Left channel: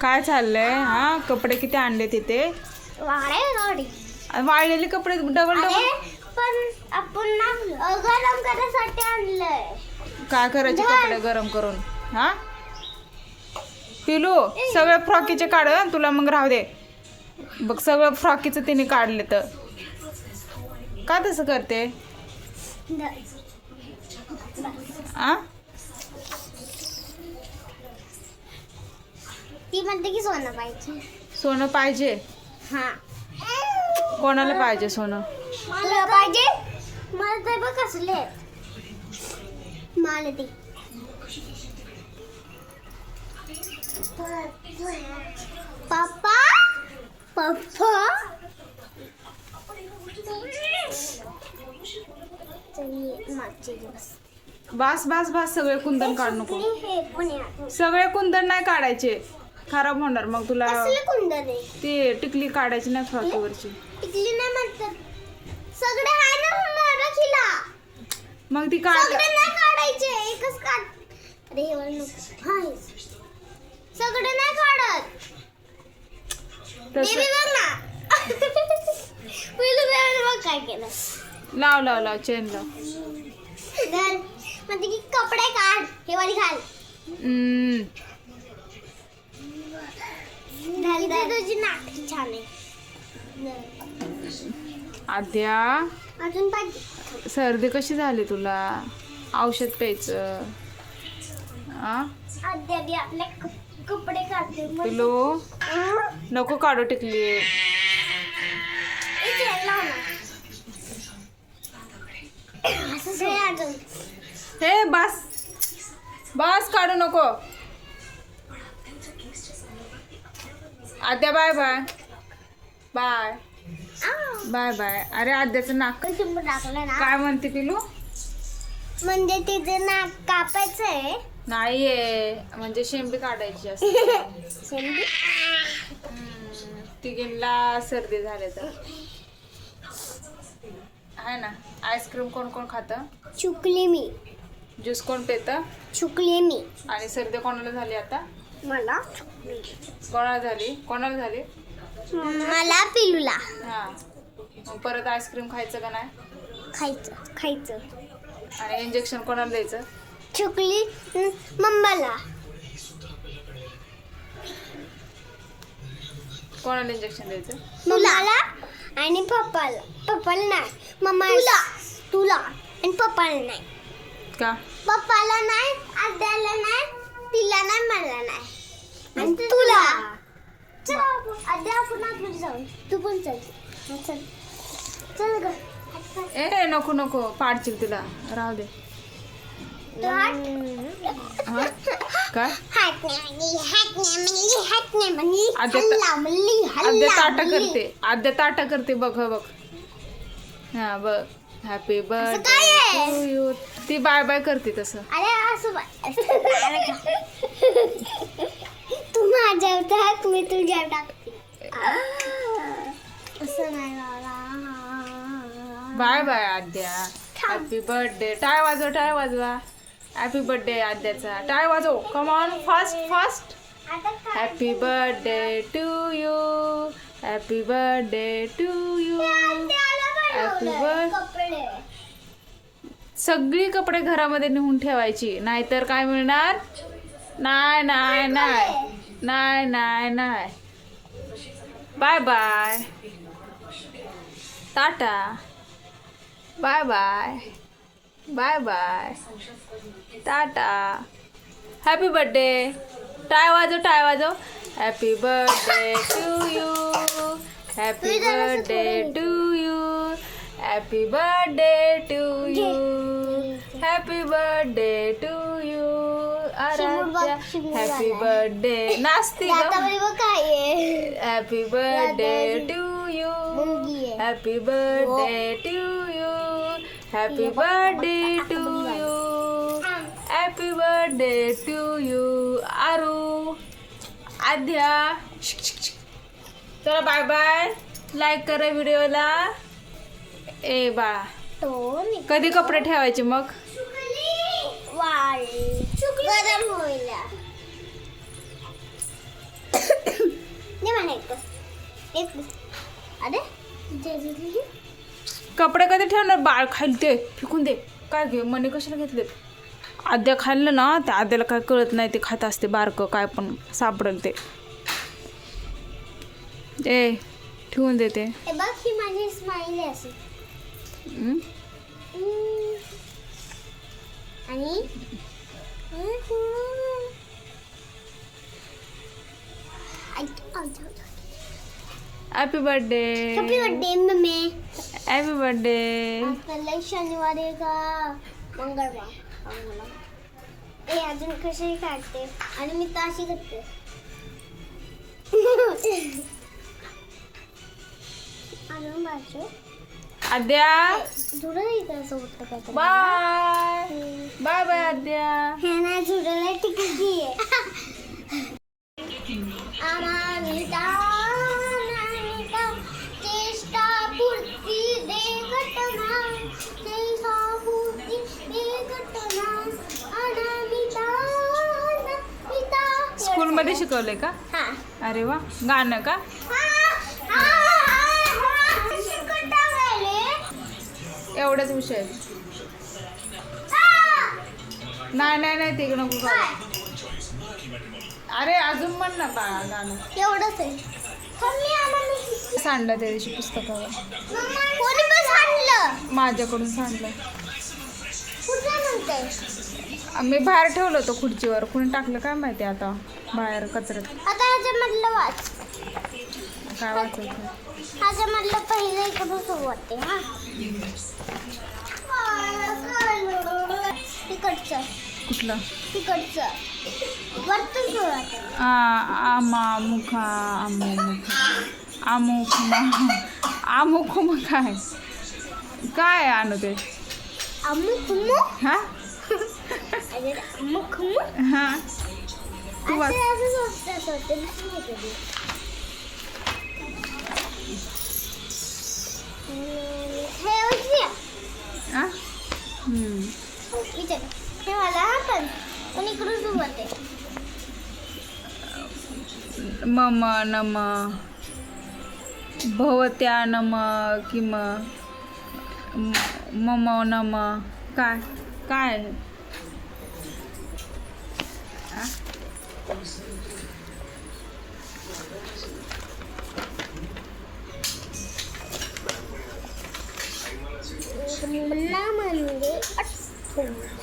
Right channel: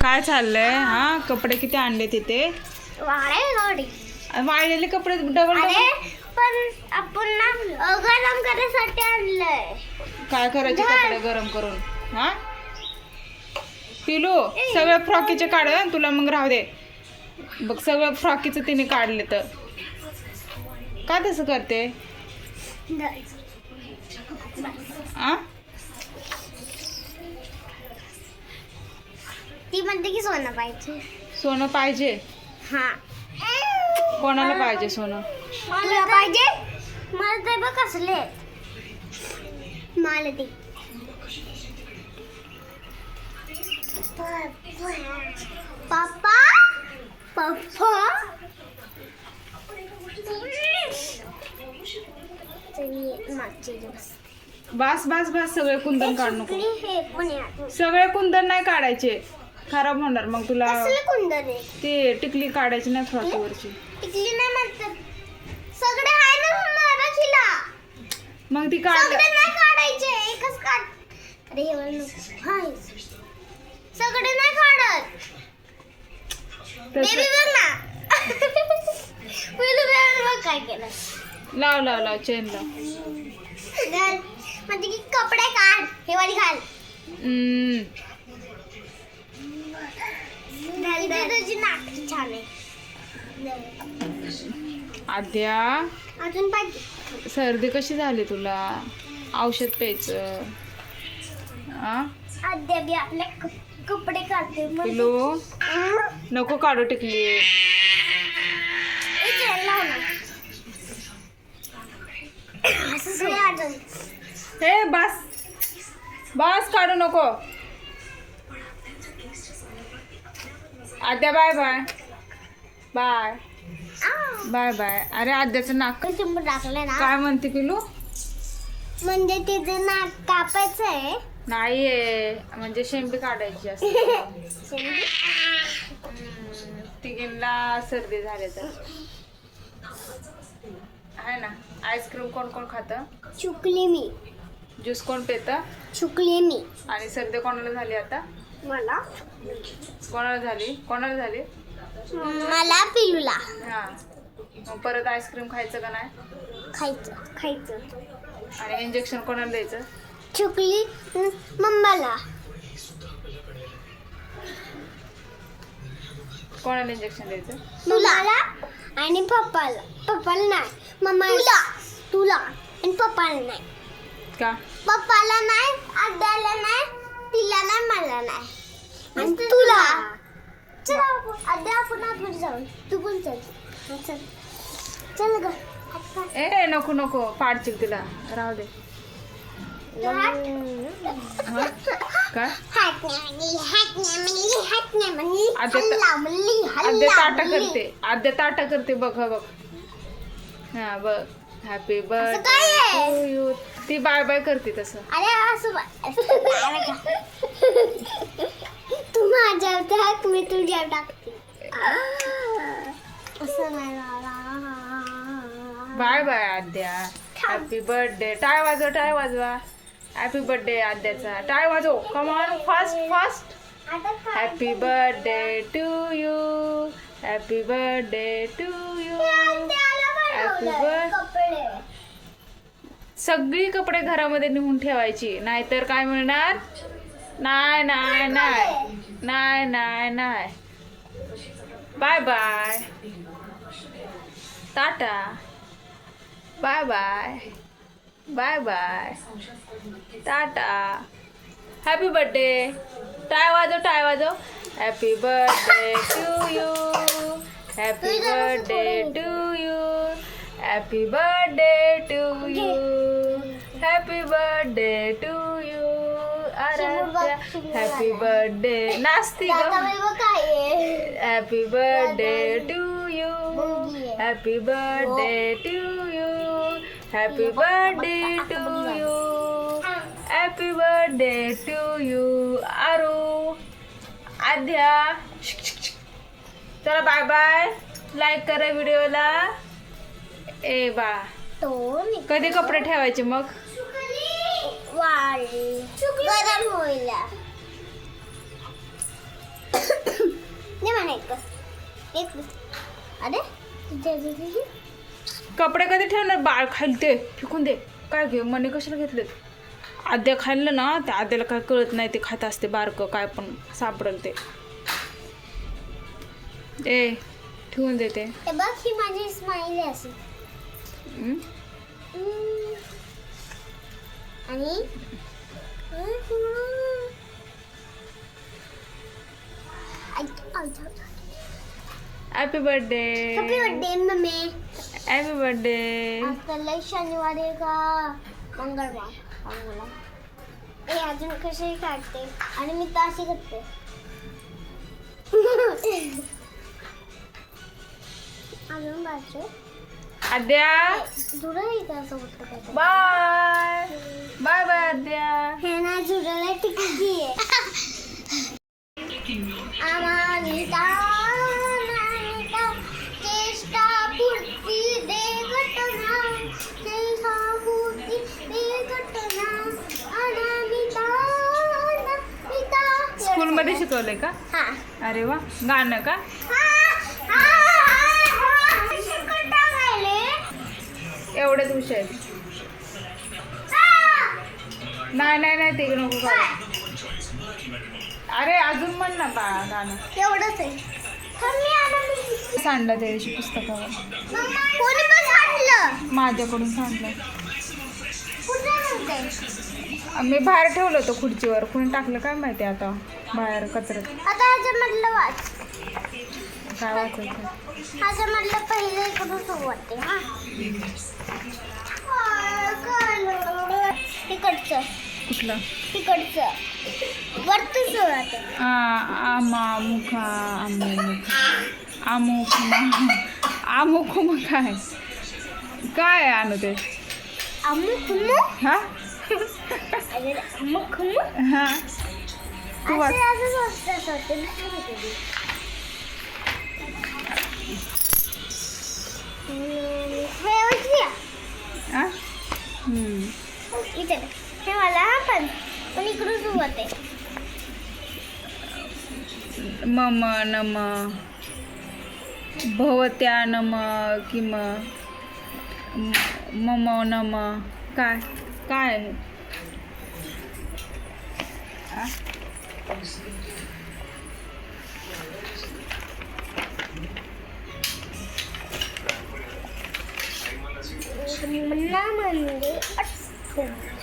काय चाललंय? हा कपडे किती आणले तिथे? वाळलेले कपडे डबल डबल पण आपण ना गरम करायसाठी आणलंय. काय करायचे कपडे गरम करून? हा? पिलू सगळ्या फ्रॉकीचे काढ तुला मग राहू दे. बघ सगळं फ्रॉकीचं तिने काढले तर का तसं करते? आ? ती म्हणते की सोनं पाहिजे? सोनं पाहिजे. हा. कोणाला पाहिजे सोनं? तुला पाहिजे? मला ते बघ कसले आहेत. मला ते पप्पा? पप्पा? मागचे बास. बास बास सगळे कुंदन काढ नको. हे पण आहे? आतून. सगळे कुंदन नाही काढायचे. खराब होणार. मग तुला कसले कुंदन आहे ते टिकली काढायची नाही फ्रॉकीवरची टिकली नाही म्हणतात. सगळे ना मग ती काढ. सगळे नाही काढायचे. एकच काढ. अरे हे वाला नको. सगळे नाही काढत. तसं. बेबी बघ ना. पहिलं बेबी बघ काय केलं. लाव लाव लाव चेन लाव. घाल म्हणते की कपडे काढ. हे वाली घाल. छान आहे. आद्या अजून पाहिजे सर्दी कशी झाली तुला? औषध प्यायचं. बी आपले कपडे काढते पिलो? नको काढू टिकली. हे बस. बस काढू नको. Adya bye bye. Bye. Bye bye. अरे आद्याचं नाक चिंबू टाकलं ना. काय म्हणते पिलू? म्हणजे तिचं नाक कापायचं आहे. नाहीये. म्हणजे शेंबी काढायची असते. शेंडी. तिघींना सर्दी झाली तर. आहे ना? आईस्क्रीम कोण कोण खातं? चुकली मी. ज्यूस कोण पितं? चुकली मी. आणि सर्दी कोणाला झाली आता? मला? कोणाला झाली? कोणाला झाली? मला पिलूला. हा. मग परत आईस्क्रीम खायचं का नाही? खायचं. खायचं. आणि इंजेक्शन कोणाला द्यायचं? चुकली मम्माला. कोणाला इंजेक्शन द्यायचं? मम्माला? आणि पप्पाला. पप्पाला नाही. मम्माला तुला. आणि पप्पाला नाही. का? पप्पाला नाही आद्याला नाही तिला नाही मला नाही. आणि तुला? चल आपण- आद्या आपण आतमध्ये जाऊ तू पण चल. चल चल. ग. ए नको नको. पाडशील तिला. राहू दे. हा काय? हात नाही म्हणली, हात नाही म्हणली, हात नाही म्हणली, आद्या- ताटा. करते. आद्या ताटा करते. बघ हा बघ. हा बघ. हॅपी बर्थडे ती बाय बाय करते तसं. अरे असं? तू माझ्यावर टाक मी टाकते. असं नाही बाबा. Bye bye Adya happy birthday tie वाजवा टाय वाजवा. हॅपी बर्थडे आद्याचा. टाय वाजव. Come on fast fast? Happy birthday to you happy birthday to you सगळी कपडे घरामध्ये नेऊन ठेवायची. नाहीतर काय मिळणार? नाही नाही नाही. नाही नाही नाही. Bye bye. Tata. Bye bye. Bye bye. Tata. Happy birthday tie वाजव टाय वाजव. Happy birthday to you happy birthday to you happy birthday to you happy birthday to you Aaradhya happy birthday नाचती. Happy birthday to you. Happy birthday to you happy birthday to you happy birthday to you Aaru Adya चला bye bye like करा व्हिडिओला ए बाळा मी कधी कपडे ठेवायचे मग? वाळी. गरम होईल. एक अरे. कपडे कधी ठेवणार? बाळ खाली ते फेकून दे. काय घे? मने कशाला घेतलेत? आद्या खाल्लं ना त्या आद्याला काय कळत नाही ते खात असते बारकं काय पण सापडेल ते. ए ठेवून दे ते हे बघ ही माझी स्माईल? हम्म. आणि happy birthday happy birthday mummy happy birthday आपल्याला शनिवार आहे का मंगळवार मंगळवार ए अजून कशी काढते आणि मी तर अशी करते अजून बाजू Adya? Bye. Bye bye Adya. हा. स्कूलमध्ये शिकवलंय का? हा. अरे वा. गाणं का हा, हा, हा. शिकवत टाकायले. एवढंच विषय. नाही नाही नाही ते नको करू. अरे अजून म्हण ना गाणं एवढंच आहे. सांडलं त्या दिवशी पुस्तकावर. माझ्याकडून सांडलं. मी बाहेर ठेवलं होतं खुर्चीवर. कुणी टाकलं काय माहिती आता? बाहेर कचऱ्यात. काय वाचायचं ह्याच्यामधलं पहिले इकडून वाटते हा. तिकडचं कुठलं? तिकडचं वरतून सुरू वाटते आ आमा मुखा आमो मुखा. आमुख आमुख मग काय? काय आणू ते? अमुक मुक हा? अमुक मुक हा. तू वाच. आ? हम्म. इथे हे मला हा पण पण इकडून सुरू होते मम नम भवत्या नम किम मम नम काय काय आहे? आ? Amen.